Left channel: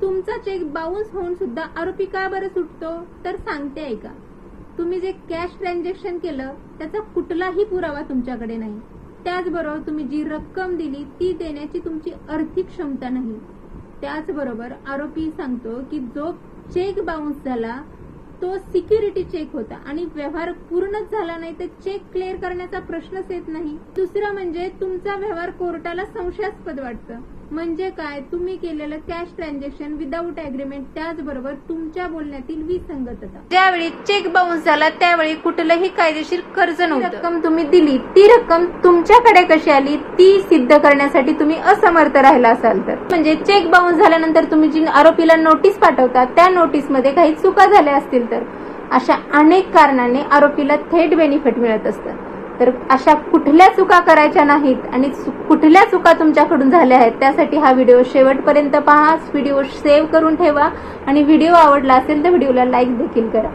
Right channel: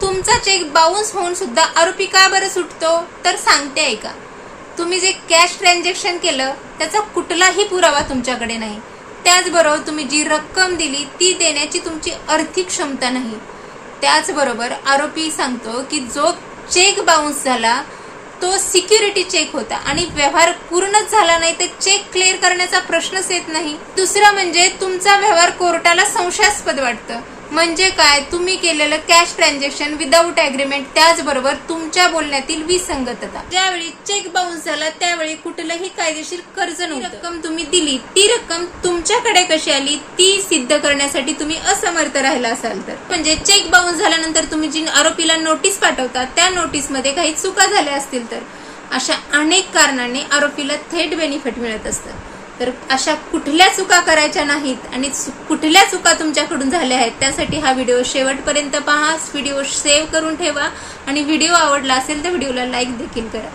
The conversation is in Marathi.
तुमचा चेक बाउन्स होऊन सुद्धा आरोपी का बरं सुटतो? तर सांगते ऐका. तुम्ही जे कॅश ट्रान्झॅक्शन केलं त्याचा कुठलाही पुरावा तुमच्याकडे नाही. त्याचबरोबर तुम्ही जी रक्कम दिली ती देण्याची तुमची आर्थिक क्षमता नाही. त्याचबरोबर आरोपी सांगतो की जो चेक बाउन्स झाला तो सिक्युरिटी चेक होता आणि व्यवहार पूर्णच झाला नाही तर चेक क्लिअर करण्याचा प्रश्नच येत नाही. दुसरं म्हणजे तुमचा व्यवहार कोर्टाला संशयास्पद वाटतं. म्हणजे काय? तुम्ही केलेलं कॅश ट्रान्झॅक्शन विदाऊट ॲग्रीमेंट, त्याचबरोबर तुमच्या बोलण्यातील विसंगतता. ज्यावेळी चेक बाउन्स झाला त्यावेळी कुठलंही कायदेशीर कर्ज नव्हतं. रक्कम तुम्ही दिली ती रक्कम तुमच्याकडे कशी आली ती सिद्ध करण्यासाठी तुम्ही असमर्थ राहिला असाल तर. म्हणजे चेक बाउन्स झाल्यानंतर तुम्ही जी आरोपीला नोटीस पाठवता त्या नोटीसमध्ये काही चुका झाल्या असतील तर अशा अनेक कारणांनी आरोपीला थेट बेनिफिट मिळत असतं. तर अशा कुठल्या चुका करायच्या नाहीत आणि कुठल्या चुका तुमच्याकडून झाल्या आहेत त्यासाठी हा व्हिडिओ शेवटपर्यंत पहा. व्हिडिओ सेव्ह करून ठेवा आणि व्हिडिओ आवडला असेल तर व्हिडिओला लाईक देखील करा.